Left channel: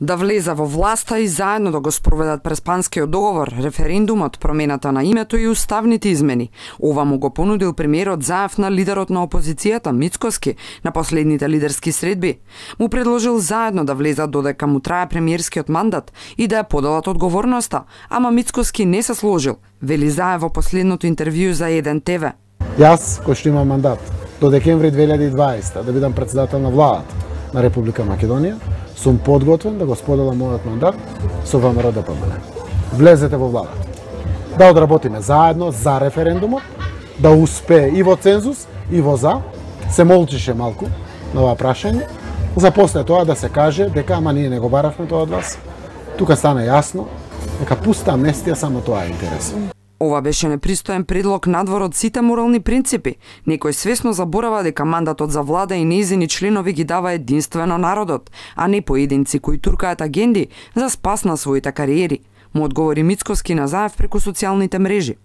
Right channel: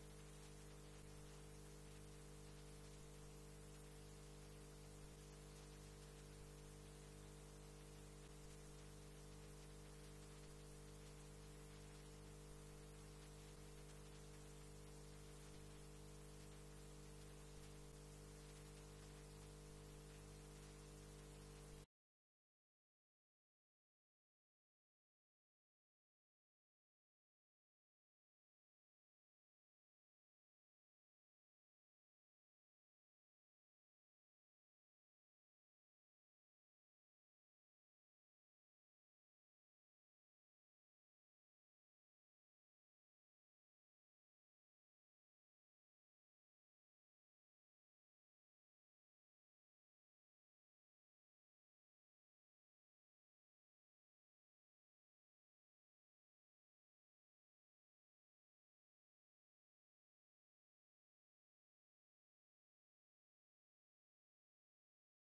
Да влезе во власта и заедно да го спроведат Преспанскиот договор, референдумот, промената на името и уставните измени. Ова му го понудил премиерот Заев на лидерот на опозицијата Мицкоски на последните лидерски средби. Му предложил заедно да влезат додека му трае премиерскиот мандат и да ја поделат одговорноста, ама Мицкоски не се сложил, вели Заев во последното интервју за 1 ТВ. Јас, кој што имам мандат до декември 2020 да бидам председател на владата на Република Македонија, сум подготвен да го споделам мојот мандат со ВМРО ДПМН. Влезете во владата. Да одработиме заедно за референдумот, да успее и во цензус, и во за. Се молчише малку на ова прашање, за после тоа да се каже дека ама ние не го баравме тоа од вас. Тука стана јасно дека пуста амнестија само тоа е интересно. Ова беше непристоен предлог надвор од сите морални принципи. Некој свесно заборава дека мандатот за влада и нејзини членови ги дава единствено народот, а не поединци кои туркаат агенди за спас на своите кариери, му одговори Мицкоски на Заев преку социјалните мрежи.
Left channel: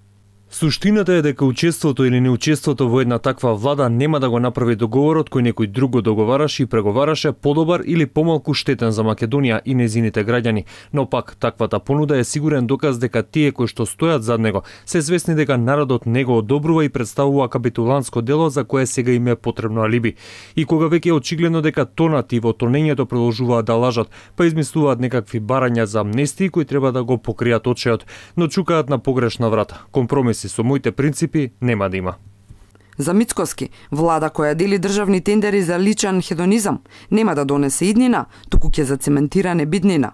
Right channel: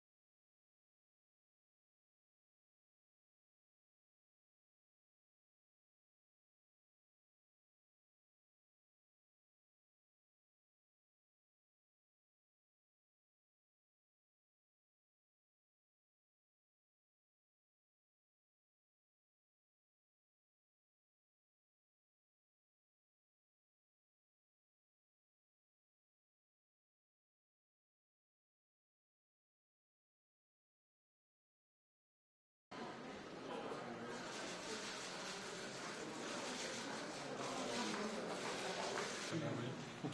Суштината е дека учеството или неучеството во една таква влада нема да го направи договорот кој некој друг го договараше и преговараше подобар или помалку штетен за Македонија и незините граѓани, но пак таквата понуда е сигурен доказ дека тие кои што стојат зад него се свесни дека народот не го одобрува и представува капитулантско дело за кое сега им е потребно алиби. И кога веќе е очигледно дека тонат и во тонењето продолжуваат да лажат, па измислуваат некакви барања за амнестии кои треба да го покријат очеот, но чукаат на погрешна врата. Компромиси со моите принципи нема да има. За Мицкоски, влада која дели државни тендери за личен хедонизам, нема да донесе иднина, туку ќе зацементира небиднина.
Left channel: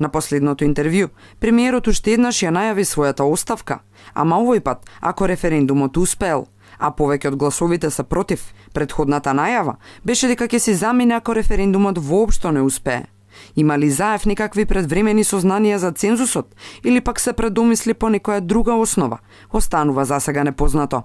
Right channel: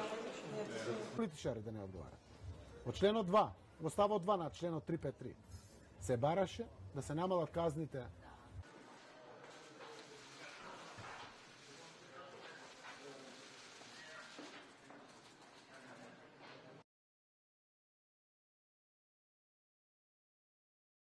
На последното интервју, премиерот уште еднаш ја најави својата оставка, ама овој пат, ако референдумот успеел, а повеќе од гласовите се против, претходната најава беше дека ќе се замине ако референдумот воопшто не успее. Има ли Заев некакви предвремени сознанија за цензусот или пак се предомисли по некоја друга основа? Останува засега непознато.